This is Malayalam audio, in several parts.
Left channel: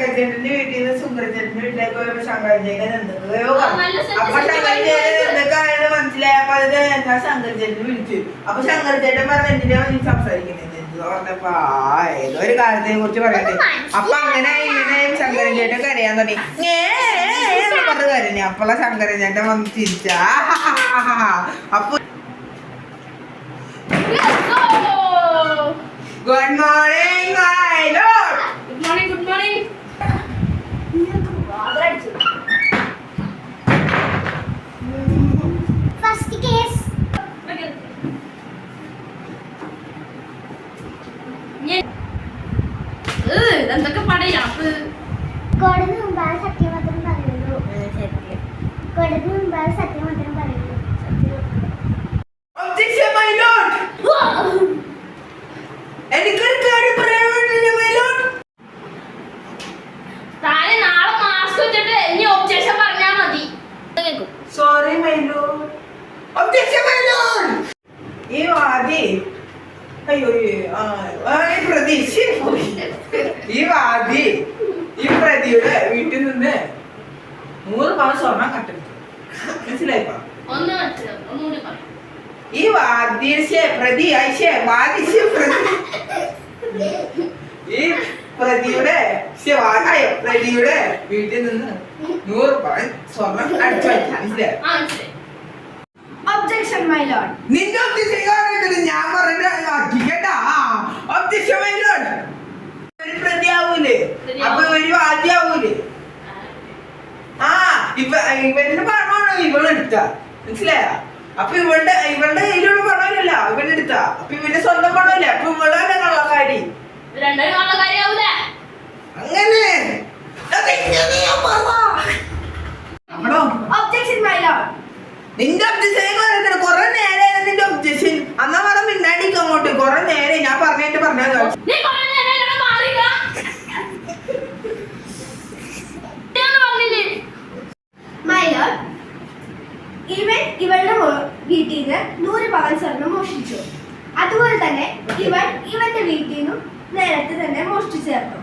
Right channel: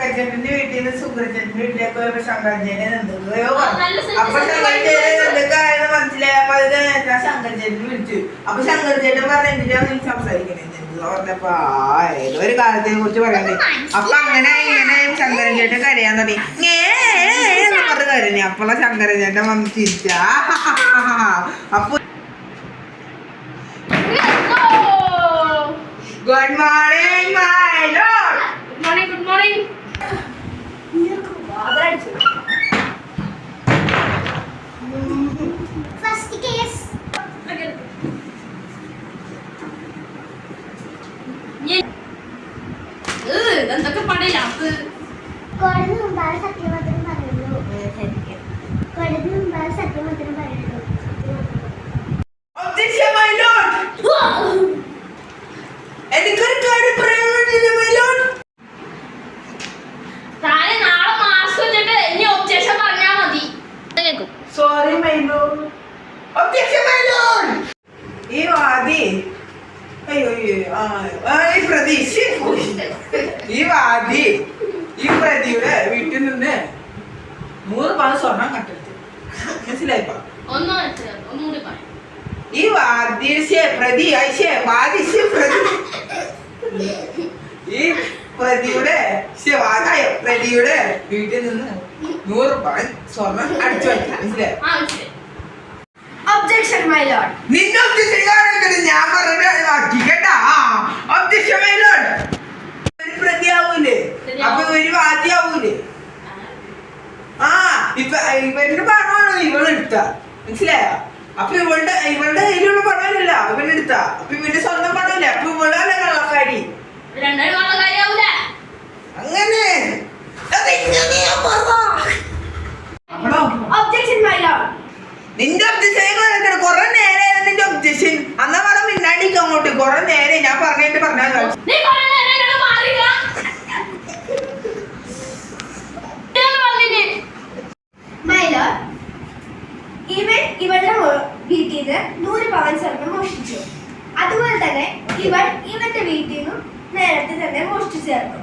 ശങ്കരചേട്ടന്റെ വീട്ടിൽ നിന്ന് സുഗ്രചേട്ടന്റെ വീട്ടിലേക്ക് പോയപ്പോ ശങ്കരചേട്ടൻ എന്തൊക്കെയോ അപ്പൊ ശങ്കരചേട്ടൻ എന്തൊക്കെയാണെന്ന് മനസ്സിലായപ്പോ അത് ഞാൻ ശങ്കരചേട്ടനെ വിളിച്ചു. അപ്പൊ ശങ്കരചേട്ടൻ പറഞ്ഞ എന്തിനാ നീ സംസാരിക്കണേ എന്ന് പറഞ്ഞപ്പോ ഏതോ ഒരു കാലത്തെ കുറിച്ച് പറയണ്ടേ. അപ്പൊ അങ്ങനെ ഇങ്ങനെ ശങ്കരൻ ചേട്ടൻ കരയാൻ തുടങ്ങി. പറഞ്ഞ എന്ന് അപ്പള കരഞ്ഞു. അപ്പോളാ ശങ്കരൻ ചേട്ടൻ വന്ന് ചിരിച്ചാ. അപ്പൊ good morning my lord good morning good morning first case എന്തൊക്കെ പടയാത്ത് കോടതി മുമ്പാണ് സത്യമാത്രം പറയുള്ളൂ കോടതി മുമ്പാണ് സത്യമാത്രം പറയുള്ളൂ കേൾക്കും. Sorry lord. ഈ വാദി. അയ്യോ ഈ പ്രതി. ഈ വാദി ഈ പ്രതിയുടെ വീട്ടിൽ നിന്ന് നൂറ് പവൻ സ്വർണം കട്ടെടുത്തു. മനസ്സിലായിപ്പോ ഒന്ന് മനസ്സിലാവും ഒന്നുകൂടി പറയാം. ഈ വാദ്യശ്ശേ പ്രതി ഐശ്ശേ വാദിശ്ശേ പ്രതി. ഈ പ്രതിയുടെ പ്രതിയുടെ വീട്ടിൽ നിന്ന് നൂറ് പവൻ സ്വർണം അടിച്ചു വയ്ക്കാം. മനസ്സിലായോ? ആ മനസ്സിലായി. ഒബ്ജക്ഷൻ മൈ ലോഡ് നിന്റെ ഒബ്ജക്ഷൻ കാരണം ഞാൻ പറഞ്ഞ ആക്കി കേട്ടാ? ഒബ്ജക്ഷൻ മൈലോഡ് ഒരു പ്രതിയാവൂലേ? അപ്പൊ ഒരു വാദ്യാവൂലേ? ആ ഇവ ഇവന്റെ പണമാണോ ഇവളെടുത്ത. മനസ്സിലായോ? അപ്പൊ ഇവളുടെ ഇവളുടെ കയ്യിലുള്ള പണമില്ല ഇവനെടുത്ത. അപ്പൊ ഇവന്റെ സ്വന്തം പണമില്ല? അപ്പൊ ഇവളല്ല കള്ളക്കാരി? രണ്ടുപേരും ഉള്ള കാര്യാവൂല അങ്ങനെ. നിന്റെ ഒബ്ജക്ഷൻ കൊറേ നേരം നിന്റെ ഒബ്ജക്ഷൻ അന്നാ പറ മിണ്ടാണ്ടിക്ക് അങ്ങോട്ട്. കൊറേ നേരെ ഞാൻ പറഞ്ഞിട്ട് പറഞ്ഞല്ലോ? ഇവൻ ഇവളുടെ വീട്ടിൽ നിന്ന് നൂറ് പവൻ സ്വർണം മോഷ്ടിച്ചു. അതുപോലെ തന്നെ ഇവൻ ഇവന്റെ വീട്ടിൽ നിന്നും നേരത്തെ തന്നെ മോഷ്ടിച്ചു ചേർന്നു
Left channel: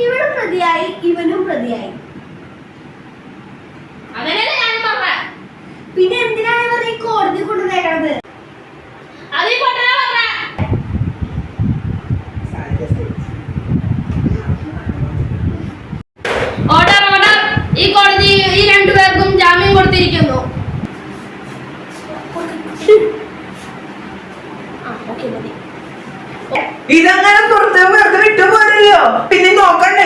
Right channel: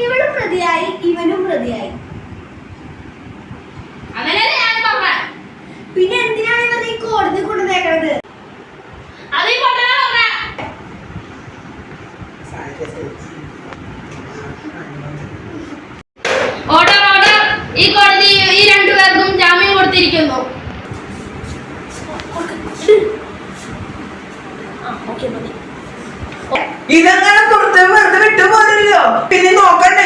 ഇവളും പ്രതിയായി ഇവനും പ്രതിയായി. പിന്നെ എന്തിനാണ് ഇവർ ഈ കോടതി കൊണ്ടുവന്നേക്കണത് ഓർഡർ ഓർഡർ ഈ കോടതി ഈ രണ്ടുപേർക്കും ജാമ്യം കൊടുത്തിരിക്കുന്നു. ആ ഓക്കെ മതി. ഇതങ്ങനെ പുറത്ത് വെറുതെ വിട്ടു പോരല്ലോ പിന്നെ നോക്കണ്ടേ?